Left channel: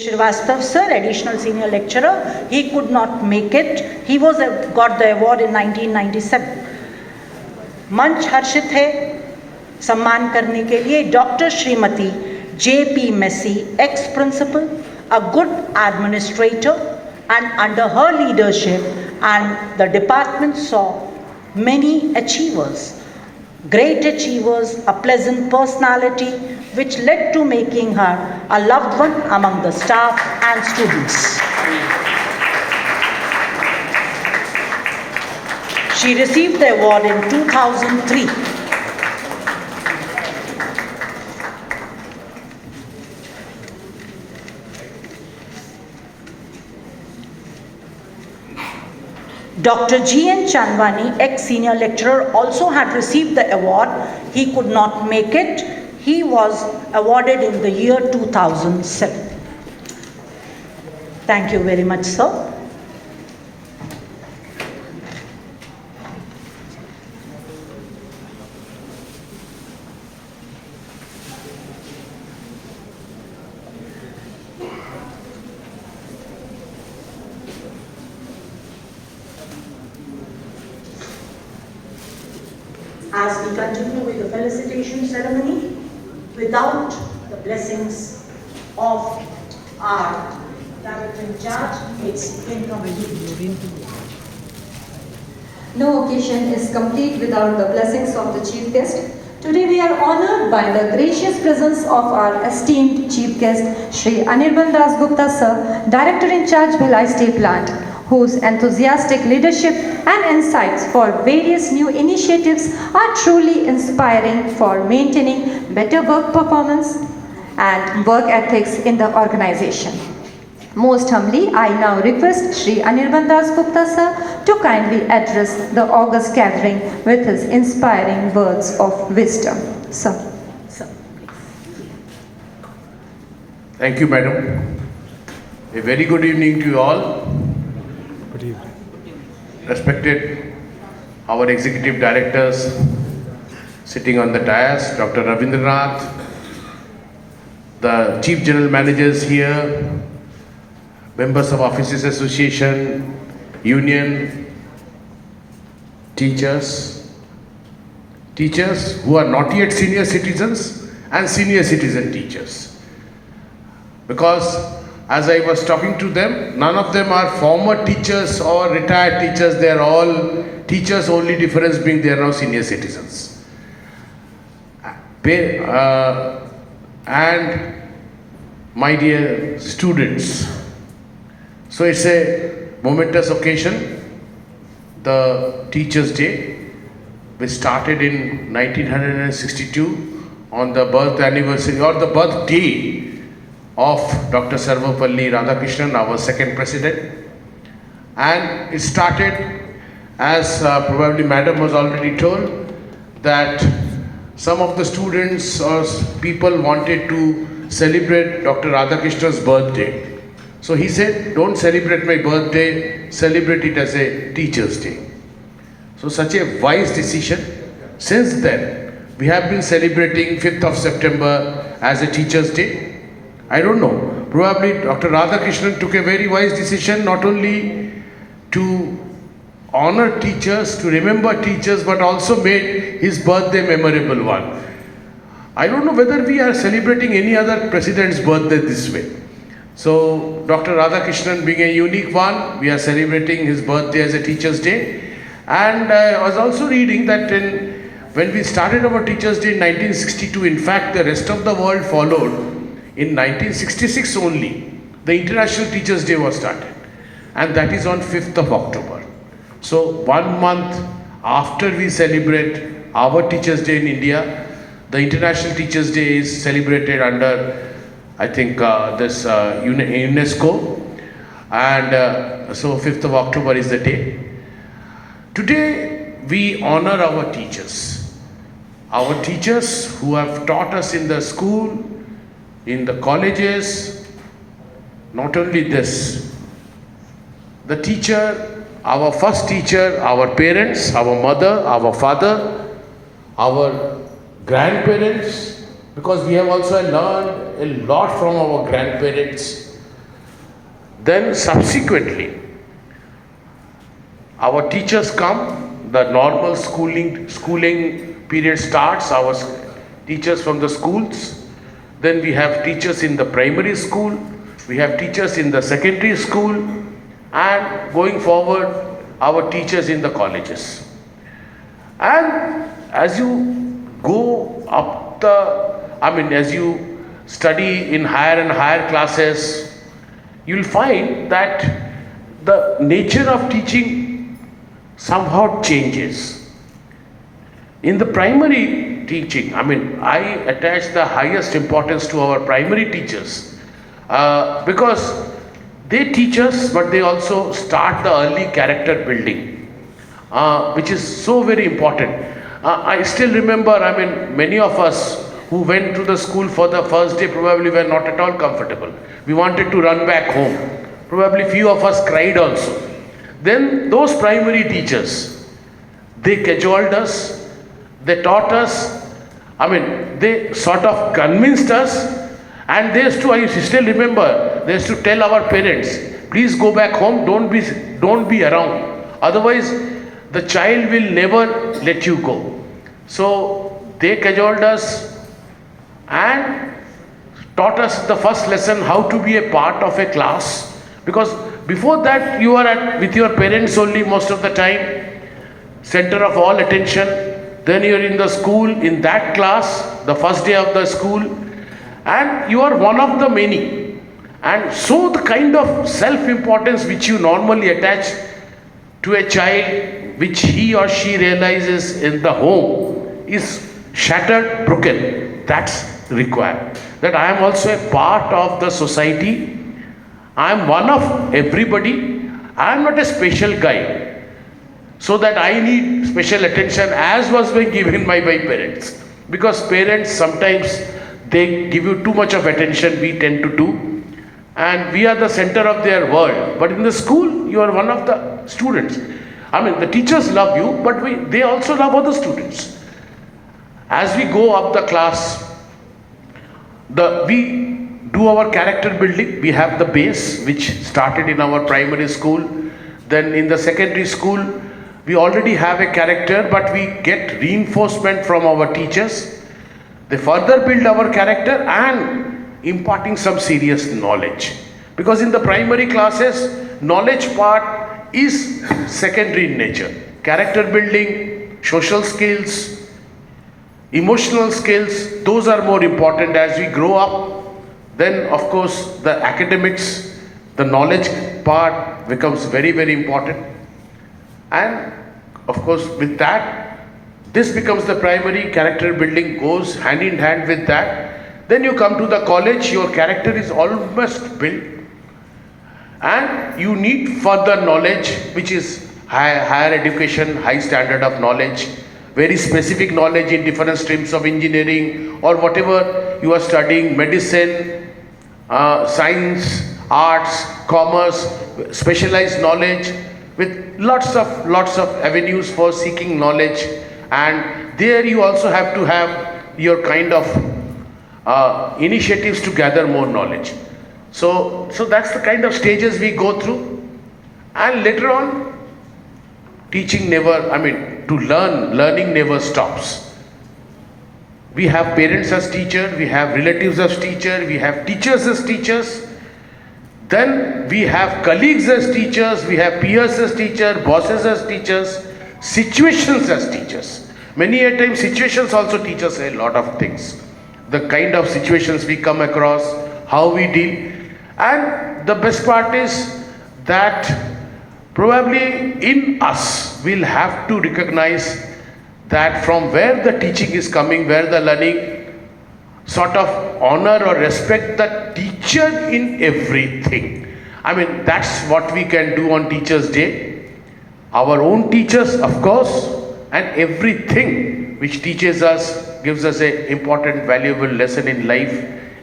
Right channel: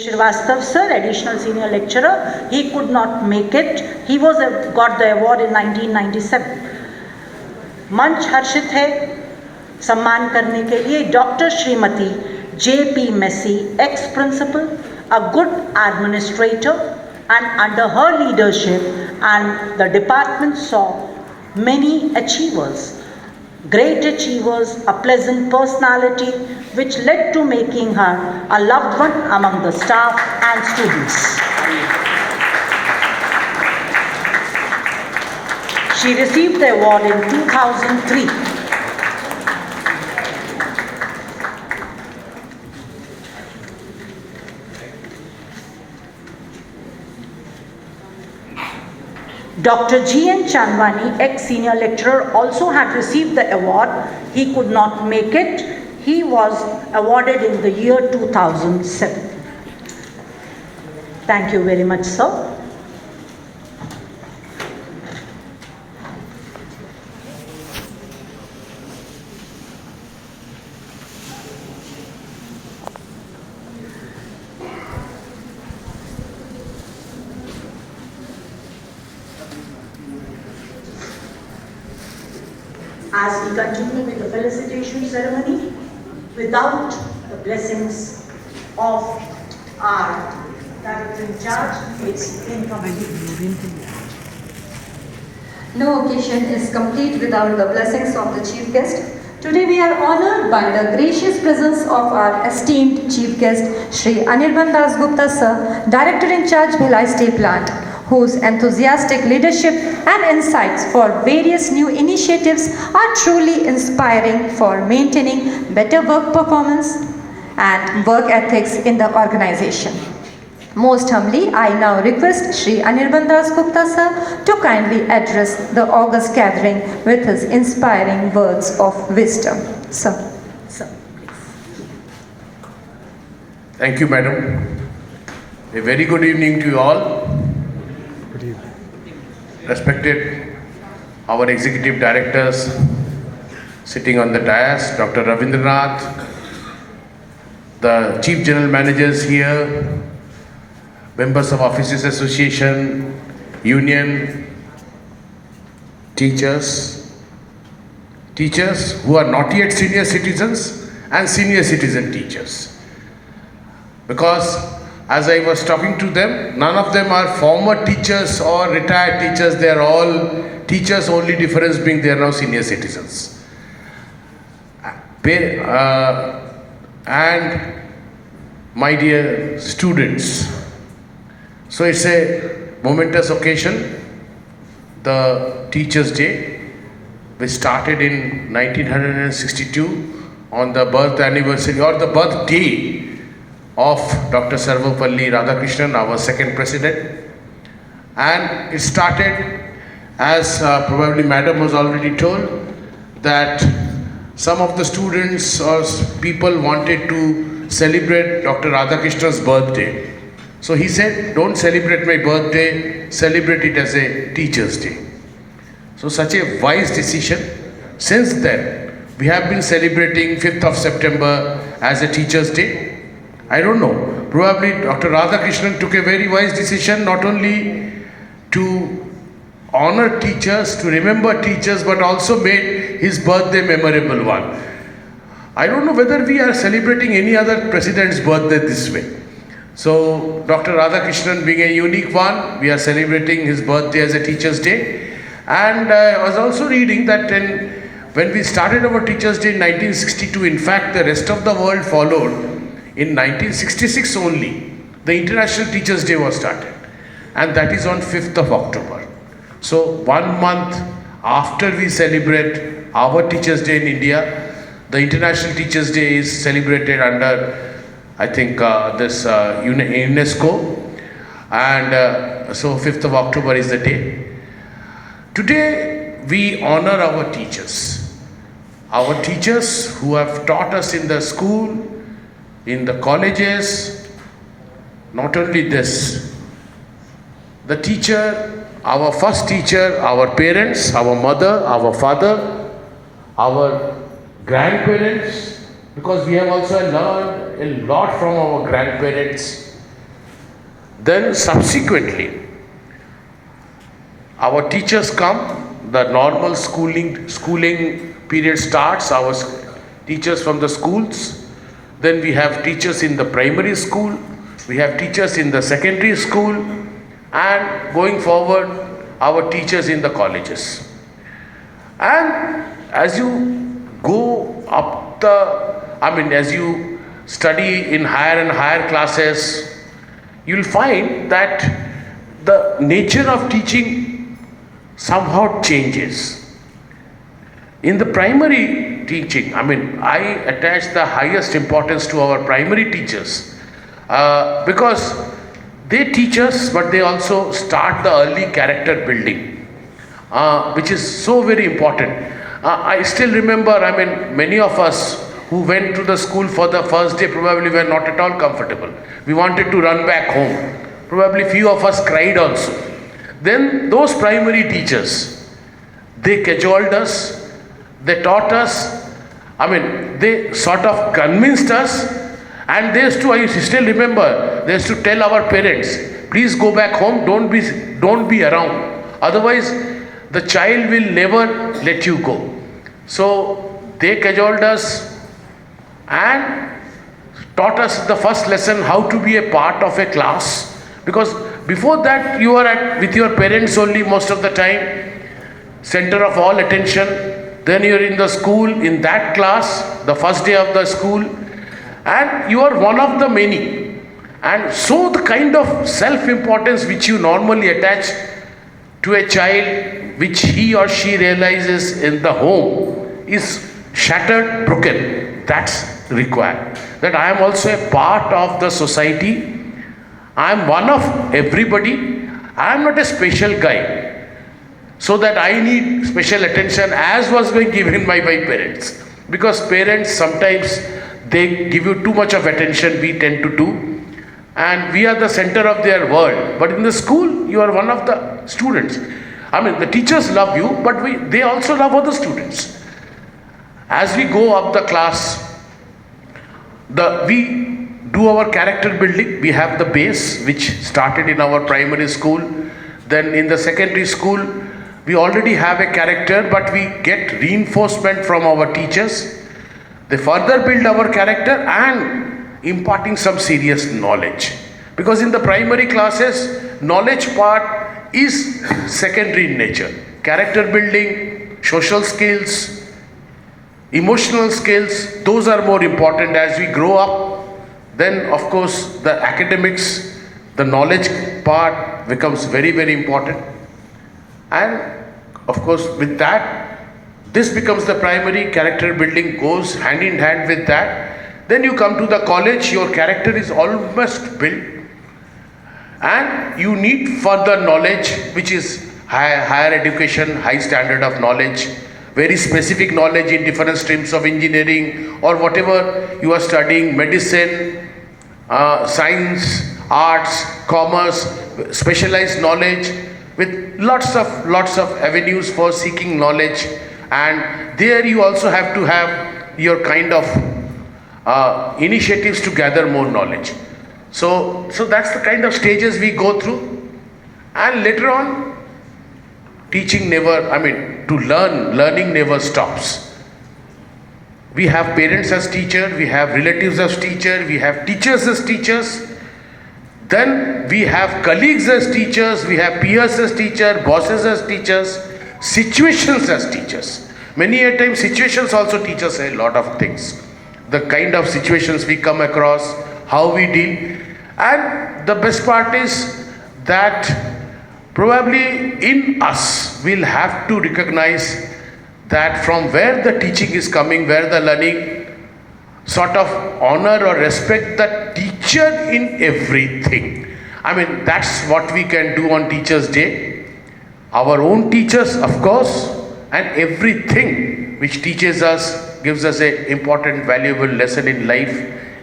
Srivastav sir, additional senior lecturer, he could not make it. He got the award in 1997. मंच हर्षित है सम्मान करने के लिए doctor Shrimati J.P. Massey, ex-principal, a good administrator, and under her leadership and the department saw many achievers. Great achievers, a pleasant personality, which led to making her a loved one among the staff and students. She received the award in 2003. Dr. G.N. Chandwani, ex-senior lecturer, also had received the award. He could not make it. He was awarded in the year 2007. Thank you very much, sir. As we continue with the felicitation ceremony, without the blessings of our Director in Charge, it's incomplete. No occasion is complete without the blessings of the Chief Guest. Today we are honored by the gracious presence of our esteemed Chief Guest, Shri Anirban Dasgupta Sir, Director in Charge, Bhilai Steel Plant, whose enthusiastic leadership and insights for various new initiatives are truly inspiring for maintaining better work performance and work ethics in the organization. Most humbly, I now request Shri Anirban Dasgupta Sir to kindly address the august gathering with his inspiring words of wisdom. Sir. Thank you, Madam. A very good evening to you all. Good evening. Respected our executive directors sitting on the dais, Dr. Ravindranath, the chief general managers here, members of Officers Association, union, teachers who are not yet senior citizens and senior citizen teachers. Because as I was talking to them, none of them are former teachers or retired teachers. They are all teachers, only difference being they are now senior citizens. And my dear students, so it's a momentous occasion, the Teachers' Day, which started in 1962 on the birth anniversary or the birthday of Dr. Sarvapalli Radhakrishnan, our second president. And it started, as probably Madam was already told, that some of the students or people wanted to celebrate Dr. Radhakrishnan's birthday. So he said, don't celebrate my birthday, celebrate it as a Teacher's Day. So such a wise decision. Since then, we have been celebrating 5th of September as a Teacher's Day. I don't know, probably Dr. Radhakrishnan took a very wise decision not only to honor teachers, to remember teachers, but also made his birthday memorable one. I don't know whether we are celebrating any other president's birthday this way. So Dr. Radhakrishnan being a unique one, we are celebrating his birthday as a Teacher's Day. And I was also reading that when we started our Teacher's Day in 1962, in fact the rest of the world followed. In 1966 only, the International Teachers' Day was started, and that is on 5th of October. So 1 month after we celebrate our Teachers' Day in India, the International Teachers' Day is celebrated under, I think, this UNESCO, and so 5th of October is the day. Today, we honor our teachers who have taught us in the school, in the colleges. Not only this, the teacher, our first teacher, our parents, our mother, our father, our grandparents, because we have also learned a lot from our grandparents, Then subsequently, our teachers come, the normal schooling period starts, our teachers from the schools. Then we have teachers in the primary school, we have teachers in the secondary school, and going forward, our teachers in the colleges. And as you go up as you study in higher and higher classes, you'll find that the nature of teaching somehow changes. In the primary teaching, I attach the highest importance to our primary teachers because they teach us, but they also start the early character building, which is so very important. I still remember, many of us who went to the school for the first day probably were not at all comfortable. We wanted to run back home. Probably few of us cried also. Then those primary teachers, they cajoled us, they taught us, they sort of convinced us, and they used to, I still remember, they used to tell our parents, please go back home, don't be around. Otherwise, the child will never let you go. So they cajoled us and taught us the first lesson how to be a part of a class, because before that you are with your parents only most of the time, center of all attention. Then you are in the school, in that class, the first day of the school, and you are one of the many. And so the kind of self-importance which you normally attach to a child, which he or she realizes in the home, is shattered, broken. That's required. That I am also a part of the society. I am one of everybody. I am not a special guy, so that I need special attention as was being given by my parents. Because parents sometimes they give you too much of attention, we tend to do, and we are the center of their world. But in the school, you are one of the students. The teachers love you, but they also love other students. As we go up the class, we do our character building. We have the base, which started in our primary school. Then in the secondary school, we already have a character, but we get reinforcement from our teachers. They further build our character and imparting some serious knowledge. Because in the primary classes, knowledge part is secondary in nature. Character building, social skills, emotional skills, those are more important. As we grow up, then of course the academics, the knowledge part becomes very, very important. And of course with that, this becomes the primary. Character building goes hand in hand with that. Then you come to the college, your character is almost built, and you need further knowledge, which is higher education, high standard of knowledge, very specific knowledge in different streams of engineering or whatever you are studying, medicine, science, arts, commerce, specialized knowledge, with lots of avenues for seeking knowledge. And there you also have to have your kind of initiatives to gather more knowledge. So that's the kind of stages we go through. And later on, teaching learning never stops. We have parents as teachers, we have relatives as teachers, we have teachers as teachers. Then we have colleagues as teachers, we have peers as teachers, bosses as teachers, situations as teachers. Many a time situations also teach us a lot of things. The kind of situations we come across, how we deal. And the best part is that probably in us we'll have to recognize that from where the teaching is coming, where the learning, sort of honor or respect the teacher in everything. That's what we can do on Teachers' Day. Our own teachers, of course, and everything which teaches us, gives us an important, valuable lesson in life,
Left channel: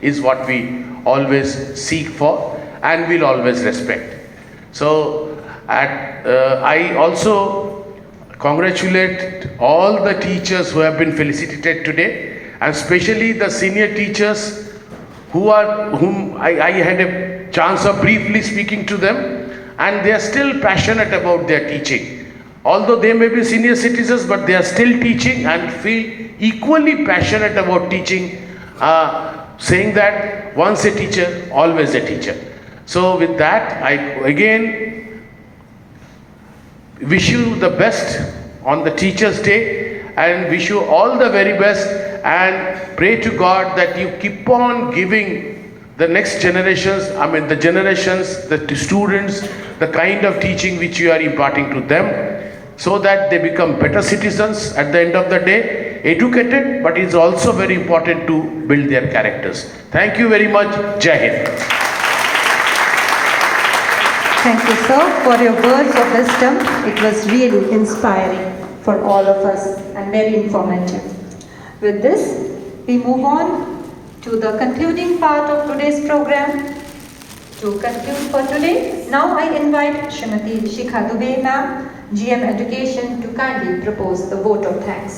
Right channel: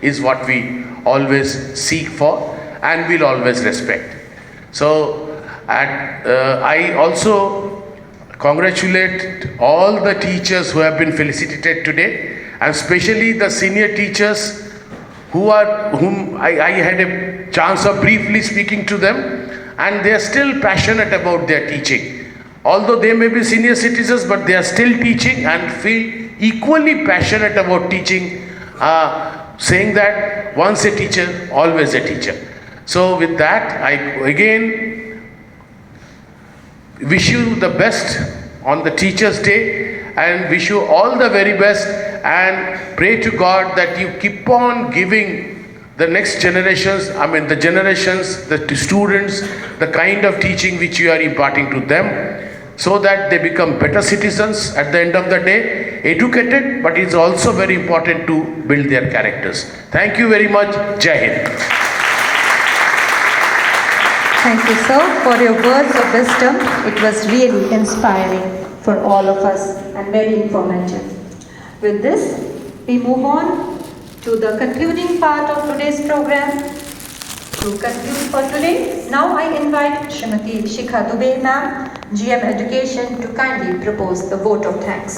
is what we always seek for and will always respect. So, I also congratulate all the teachers who have been felicitated today, and especially the senior teachers whom I had a chance of briefly speaking to them, and they are still passionate about their teaching. Although they may be senior citizens, but they are still teaching and feel equally passionate about teaching, saying that once a teacher, always a teacher. So with that, I again wish you the best on the Teachers' Day and wish you all the very best, and pray to God that you keep on giving the next generations, the students, the kind of teaching which you are imparting to them, so that they become better citizens at the end of the day, educated, but it's also very important to build their characters. Thank you very much. Jai Hind. Thank you, sir, for your words of wisdom. It was really inspiring for all of us and very informative. With this, we move on to the concluding part of today's program. To conclude for today, now I invite Srimati Shikha Dubey ma'am, GM Education, to kindly propose the vote of thanks.